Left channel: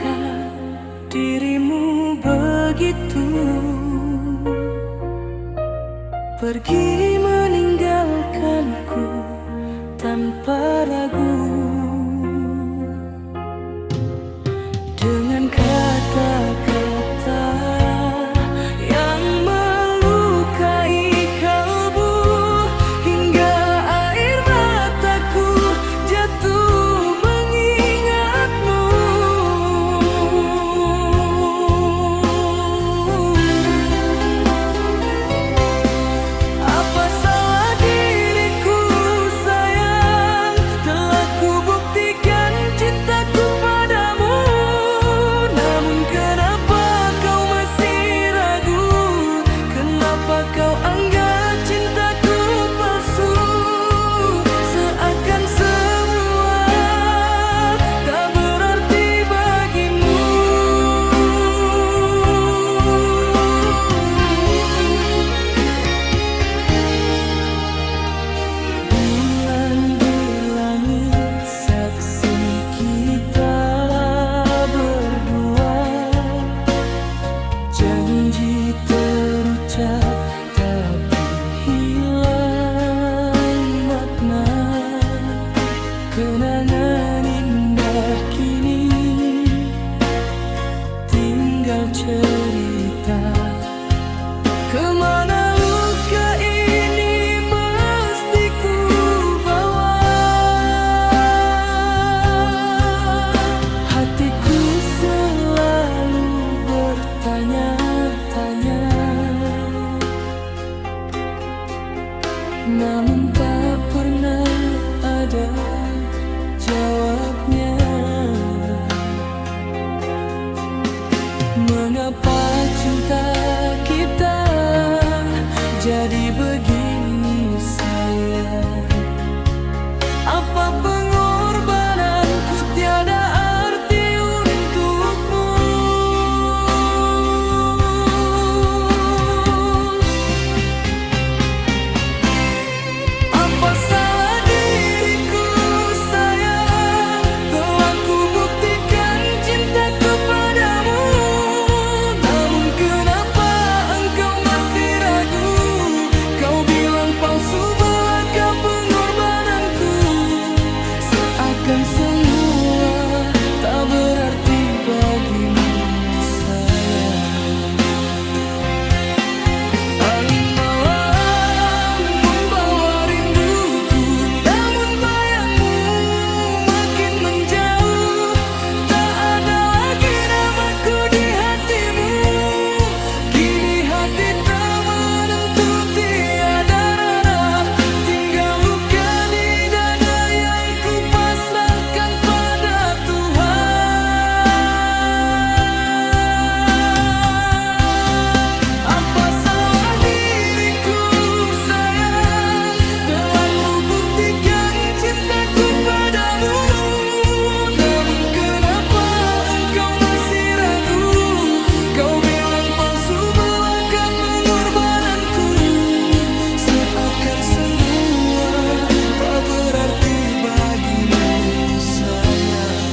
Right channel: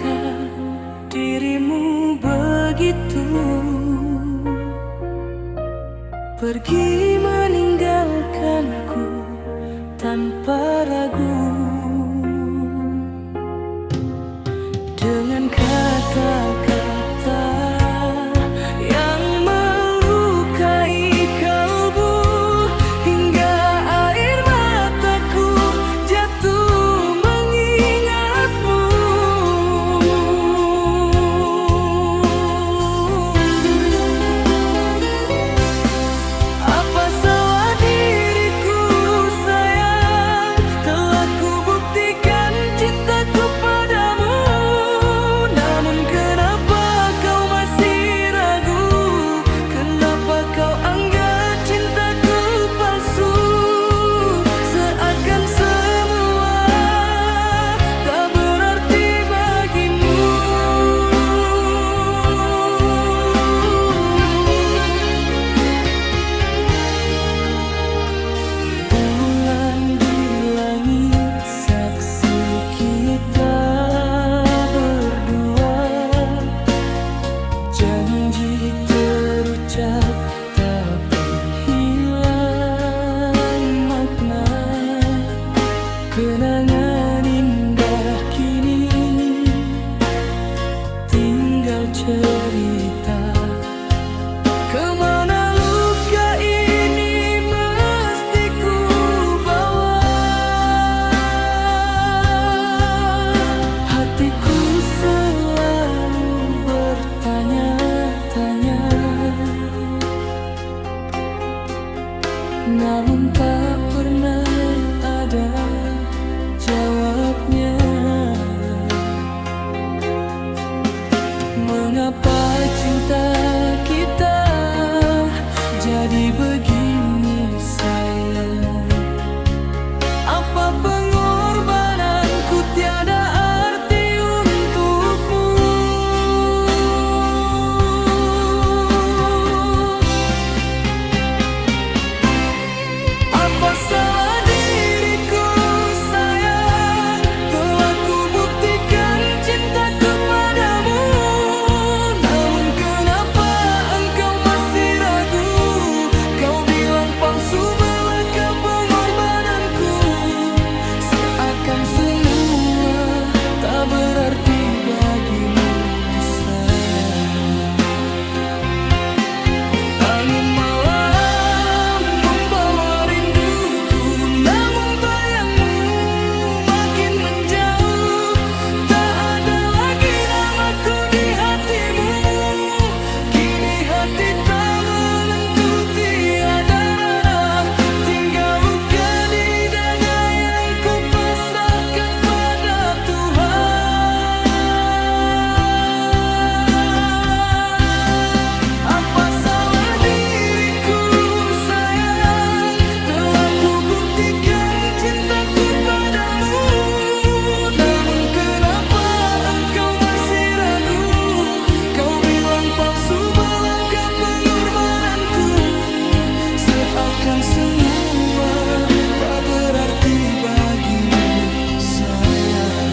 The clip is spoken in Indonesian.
Kenapakah dirimu begitu pergi meninggalkanku tanpa ragu, dengan kata-kata yang melukai kalbu, hingga air mataku jatuh mengingatmu. Apa salah diriku sayang, telah kubuktikan cintaku padamu. Namun kenapa kau masih ragu? Kenapa kau anggap cintaku palsu? Seakan semua tak berarti bagimu. Bulan di langit saksi kita berdua, janji terucap tapi hilang makna. Kenangan indah kini tinggal cerita. Kemana luka ini mesti ku bawa? Hatiku selalu bertanya-tanya, namun tak pernah ada jawabnya. Mengapa cinta kita jadi begini sayang? Apa pengorbananku tiada arti untukmu? Apa salah diriku sayang, telah kubuktikan cintaku padamu. Namun kenapa engkau masih ragu? Kau bilang palsu belaka pengorbananku. Seakan semua tak berarti bagimu sayang. Angin malam membawa rinduku, namun bayangmu makin menjauh. Tak ada lagi namaku di hatimu. Kini hati tak menentu, tiada arah. Tinggal luka di dada yang ku pasrahkan pada Tuhan. Apa salah diriku sayang, telah kubuktikan cintaku padamu. Namun kenapa engkau masih ragu? Kau bilang palsu belaka pengorbananku. Seakan semua tak berarti bagimu sayang.